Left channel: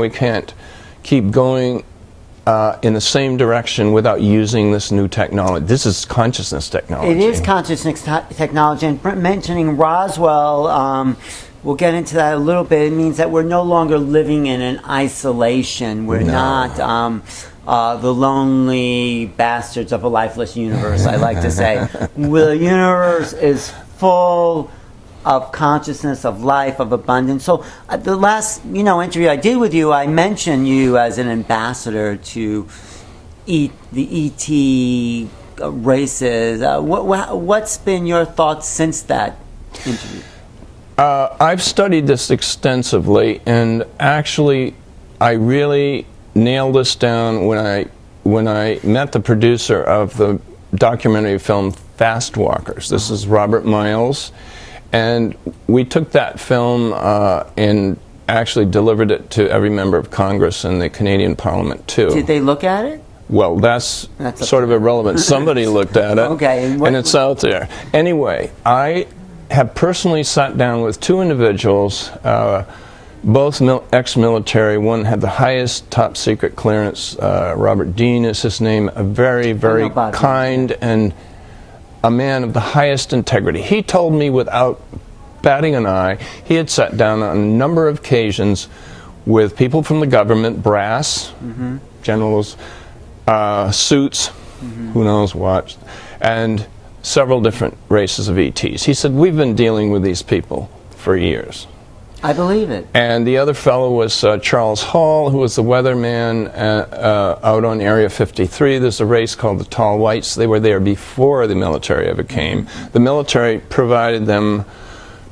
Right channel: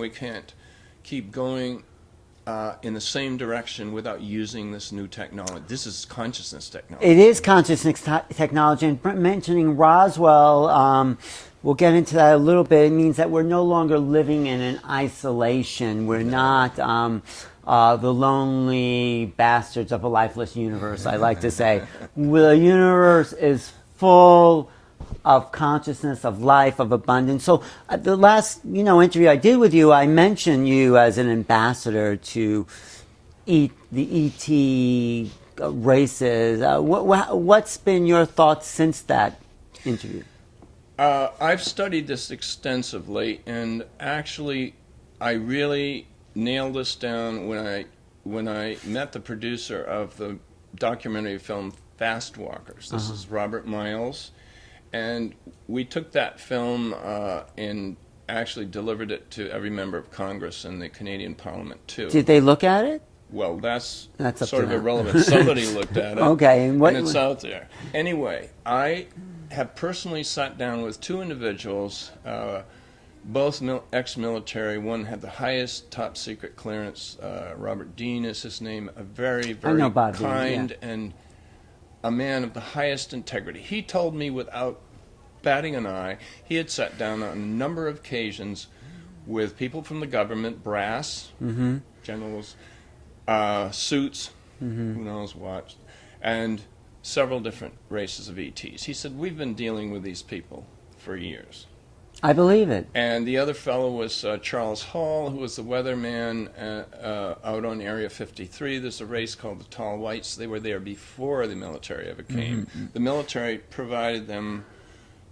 we can't keep going in the same direction without using this new technology. This is consciousness technology. It is consciousness technology. And mentioning Roswell, we'll get into that a little bit. It means that we're no longer living in an isolation. We're not the lonely bastards of a lifeless universe, I like to say. The universe is full of consciousness, of life, of abundance. So the last interview I did with you, I mentioned you as an ambassador to the ET races. What's been your thoughts since that interview? I've studied this extensively, and actually I really nailed this down when I met the producer of the documentary film Fast Walkers. This is Robert Miles. And we took that film and actually delivered it to every member of Congress and the Canadian Parliament, too. Did they look at it? Well, that's sort of irrelevant. Somebody looked at it, okay, and it's out there. Anyway, I have personally sat down with two individuals, both ex-military. One had the highest top-secret clearance. Robert Dean is his name, a very, very kind and a man of the highest integrity. He told me without batting an eye, he had sat down on a number of occasions with people from the government, brass, generals, suits, who knows what, and several different races of ETs. He said, we've been dealing with these people for years. I believe it. And the other fellow was Charles Hall, who was the weatherman out on Area 53. There's a race called the Tall Whites. They were there before the military ever came. The military provided them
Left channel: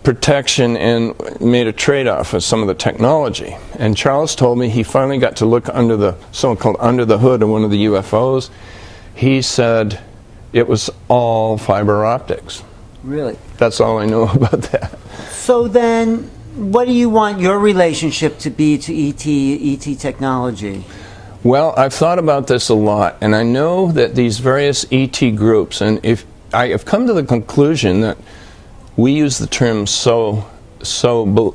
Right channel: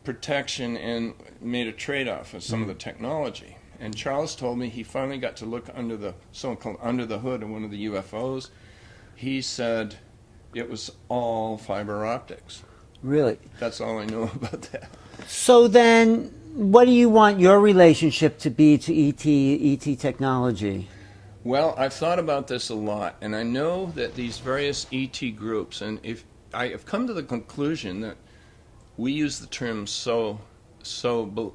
protection and made a trade-off with some of the technology. And Charles told me he finally got to look under the so-called under the hood of one of the UFOs. He said it was all fiber optics. Really? That's all I know about that. So then, what do you want your relationship to be to ET technology? Well, I've thought about this a lot, and I know that these various ET groups, and if I have come to the conclusion that we use the term so above,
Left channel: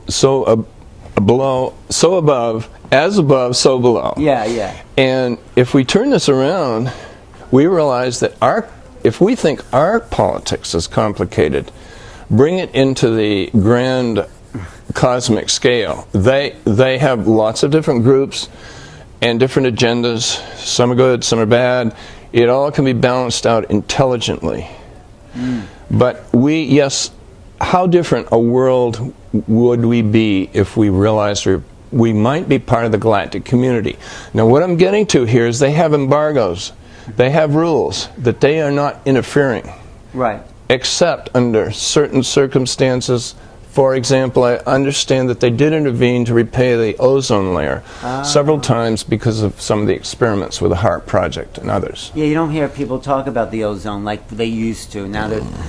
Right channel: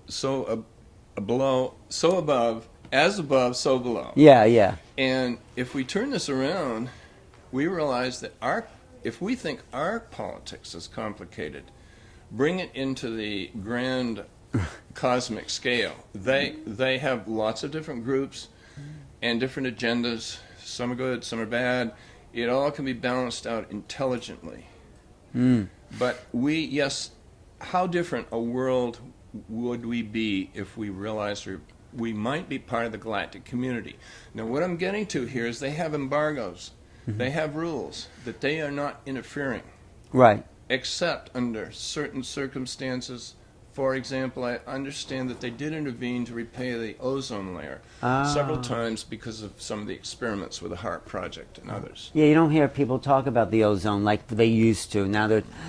as above, so below. Yeah, yeah. And if we turn this around, we realize that if we think our politics is complicated, bring it into the grand cosmic scale. They have lots of different groups and different agendas. Some are good, some are bad. It all can be balanced out intelligently. But how different a world would we be if we realized we might be part of the galactic community? Now, what I'm getting to here is they have embargoes. They have rules that they are not interfering. Right. Except under certain circumstances. For example, I understand that they did intervene to repair the ozone layer several times because of some of the experiments with the HAARP project and others. Yeah, you don't hear people talk about the ozone like they used to. Now that